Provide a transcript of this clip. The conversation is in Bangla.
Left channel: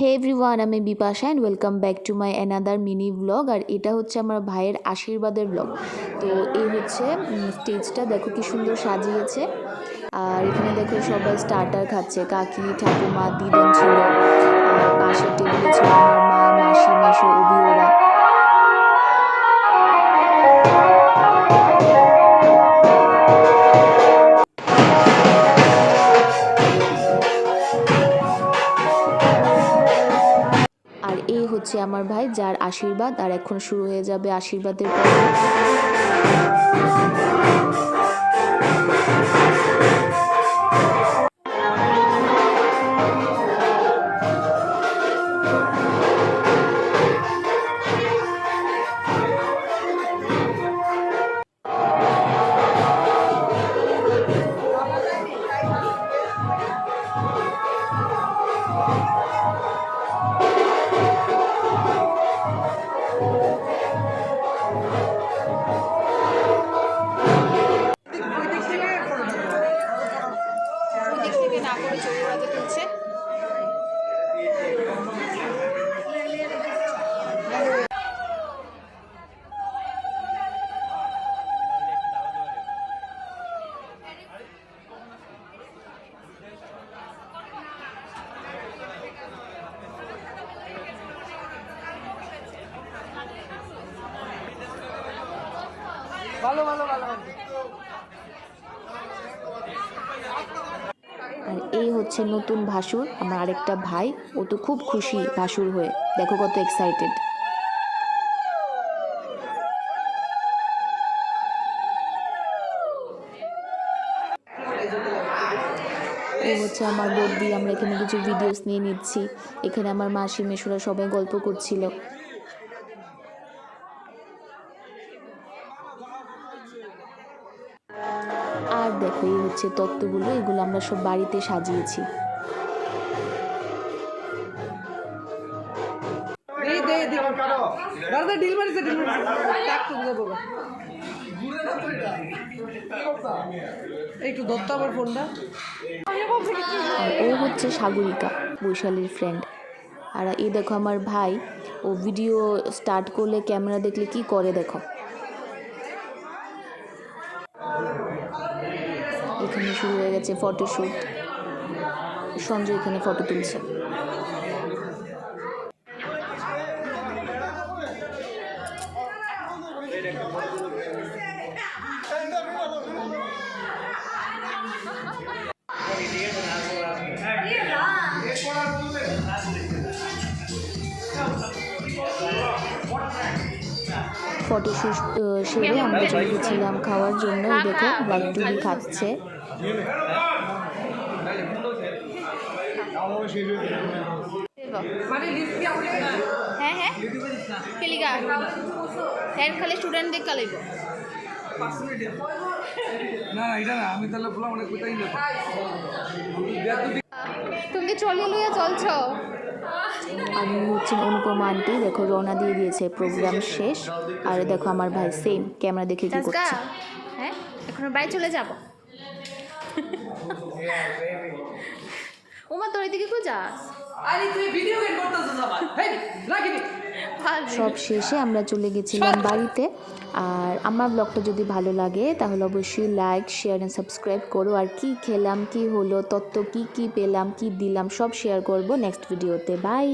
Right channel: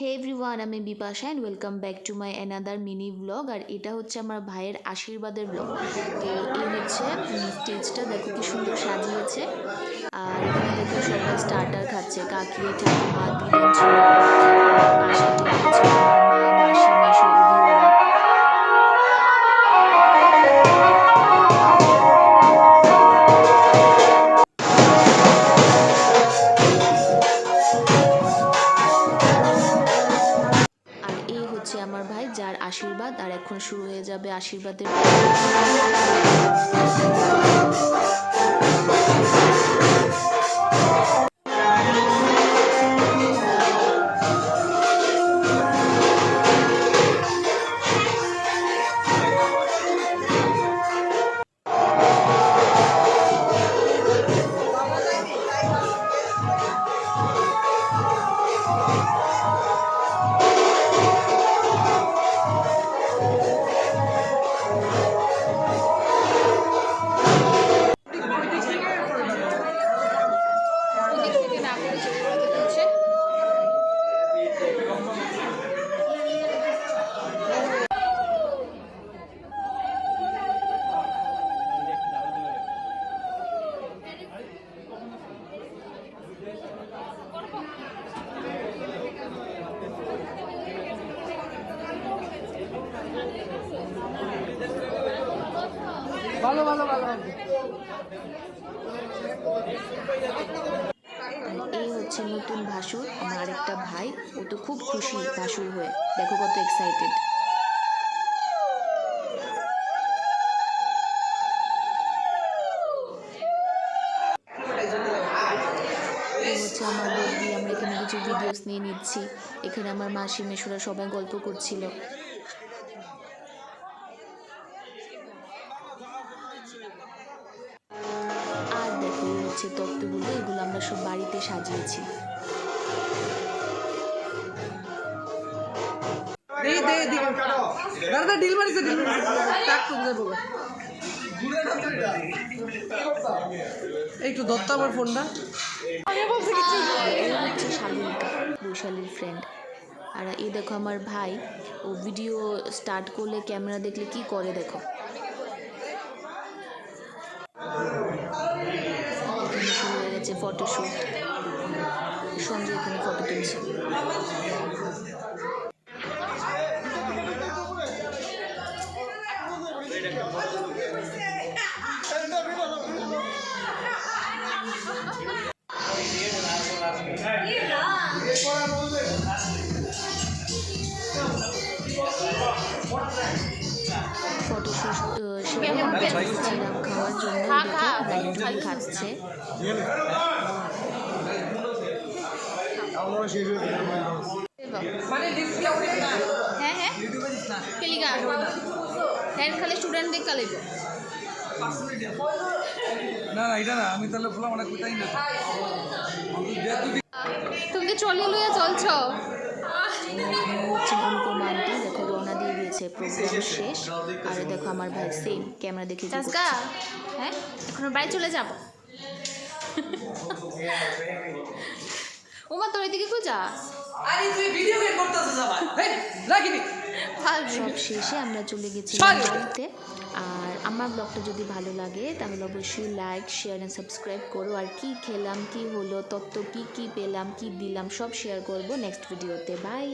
হে এভরিওয়ান আমি Bipasha and welcome back to my another mini blog আর এটা হচ্ছে আমার ভাইয়ের আশীর্বাদের ব্লগ তো এই হচ্ছে স্টেজটা দেখো কি সুন্দর সাজিয়েছে। আর এখানে দেখো সবাই স্টার্টার খাচ্ছে, কাকি, ঠাকুমা দিদি ছিল হচ্ছে আমার ভাই যার আশীর্বাদ আর এখন শুরু হয়ে যাবে আশীর্বাদের এই হচ্ছে নতুন ভাসুর, আমার আরেকটা ভাই। ও তো খুব খুশি ভাসুর হয়ে। দেখো কত এক্সাইটেড হচ্ছে আমার বৌদি, আমরা এখানে কিছু ভিডিওস নিয়ে নিচ্ছি। এখানে আমার মাসি মেশুরা সবাই গল্প করছিল। আর দেখো এই হচ্ছে তত্ত্বগুলো এগুলো আমরা সব বাড়িতে সাজিয়েছি। ডিল মারিছে একটু ধরতো আমার ফোনটা। আর ও হচ্ছে সাগরিকা বৈশালীর ফ্রেন্ড আর এই দেখো আমার ভাই ও ভিডিও স্টার্ট করলে ক্যামেরা দেখলে কি করে দেখো? এখানে শুরু হয়ে গেছে ফটোশ্যুট সঞ্জয় এখানে ফটো তুলছে। ফটোশ্যুট সেরে আমরা খাওয়ার জন্য দেখো খাচ্ছে। হ্যাঁ হ্যাঁ। কেলিগা। হ্যাঁ খালি স্টুডেন্ট দেখ কালাইব না না এটা না আমি তাহলে বললাম অনেক কোথায় না। তুমি চলিয়ে লইয়া চলছ? আমি হচ্ছে অনুপমা আন্টি। দেখো রওনা দিয়ে দিয়েছে প্রোগ্রাম শেষ। আর দেখো আমার ভাই সেম ক্যামেরা দেখে কি করছে। হ্যাঁ এখন বাড়ি চলে যাব? ওমা তোর এদিকে খুঁজা। আরে তুই ভিডিও গেম করতেছিস আবার হেই লাগিনি সব শেষে আমরা চলে গেছিলাম বাড়িতে। আর আমার ব্লগটা যদি ভালো লাগে তাহলে অবশ্যই লাইক শেয়ার অ্যান্ড সাবস্ক্রাইব করো। আর কি খেলাম কি হলো তত্ত্ব কি কি পেলাম কি দিলাম সব শেয়ার করব নেক্সট ভিডিওতে বাই